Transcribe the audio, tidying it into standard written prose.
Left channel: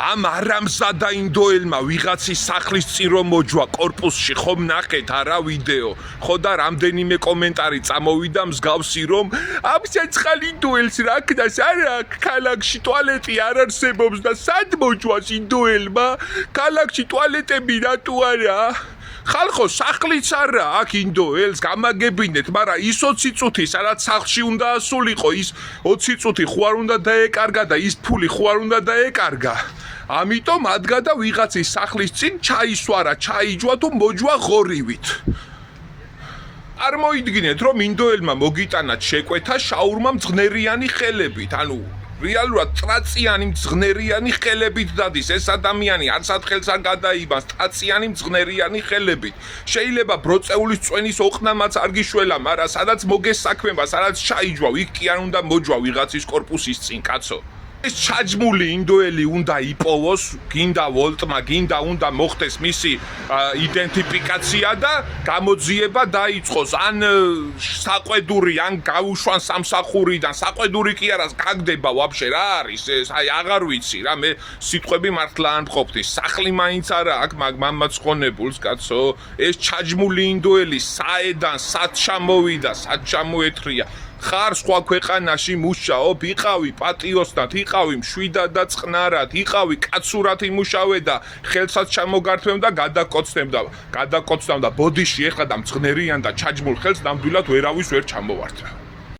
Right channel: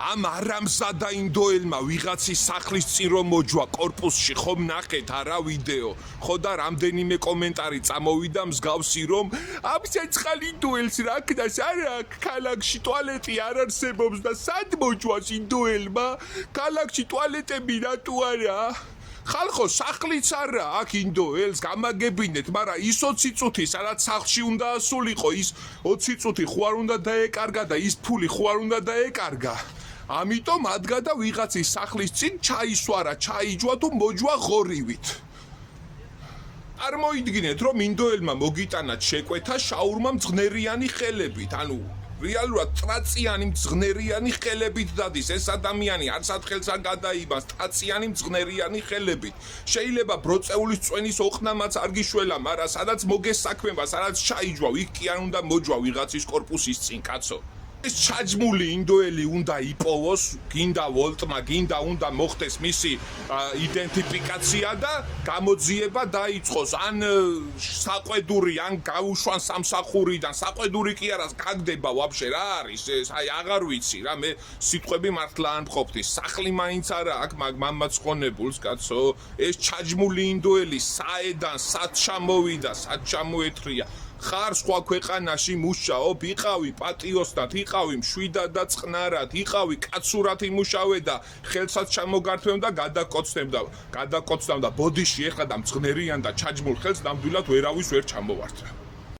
ამ არამზადა ინდოელმა ვიღაცის სახლის წინ რომ მოჯვა კორპუსში ხომ ნახეთ არა ვიდეო ხო და რამდენიმე კომენტარი წამოვიდა მსგავსი რომ ამ ცეცხალ ინდოელს რა ქნას არა ქალაქში ტუალეტი არ არსებობს და სად მოჯვას ინდოელმა ქალაქში ტუალეტები რატო არა ხალხო სახლიც არა აქ ინდოელს გამაგებინეთ მაგრამ ის 20 წუთი სადაც სახლში უნდა ასულიყო ის 20 წუთი ხო არ უნდა დაეკარგა და ის ფული ხო არ უნდა დაეკარგა ამიტომ ადგა და ვიღაცის სახლის წინ ჩაისვარა ჩაიჯვა თუ მოჯვა ღორივით არ მოიდგინეთ რომ ინდოელმა მოგიტანათ შეკვეთა შაურმა მძღნერიანი ხელებით ანუ რეალურად ტრაციანი მძღნერიანი ხელებით დადის ეს ადამიანი არც ათხელს არ გადაიბანს ტრაციანი მძღნერიანი ხელებით შეიძლება ბროწეულის წვენის ოყნამაც არ გიშველა მაგრამ სადაც მოგესაქმება სადაც ჩაიჯვა იქ კი არ უნდა მოჯვა ვიღაცის კორპუსის წინ კაცო ეს ჩაჯმული ინდოელი უნდა იპოვოს გინდა ვოლტმა გინდა უნდა მოხდეს მისი იდენტიფიკაცია და გამოძიება დაიწყოს ან საყვედური ან გაუშვან სამსახურიდან საყვედური კი არა გაგდება ვაფშე რა არის ეს აი აღარ ვიცი რა მე სიტყვები მართლა არ მყოფდი სახლი მაინც არა აქ მამაც ხონებულს კაცო ეს ჩაჯმული ინდოელი საედან სად ჩამოვიდა სად ჩამოეთრია ხარ სხვა ქვეყანაში მუშაობ, იყავი პატიოსნად, იყავი მშვიდად და წყნარად, იყავი კაცურად იმუშავე და ხელსაც ჩამოგართვემ და გადაკოცნავ და ბოდიში ეხლა და მძღნერიან და ჩაჯმულ ხელს ნამდვილად ვერავის ვერ ჩამოვართვე.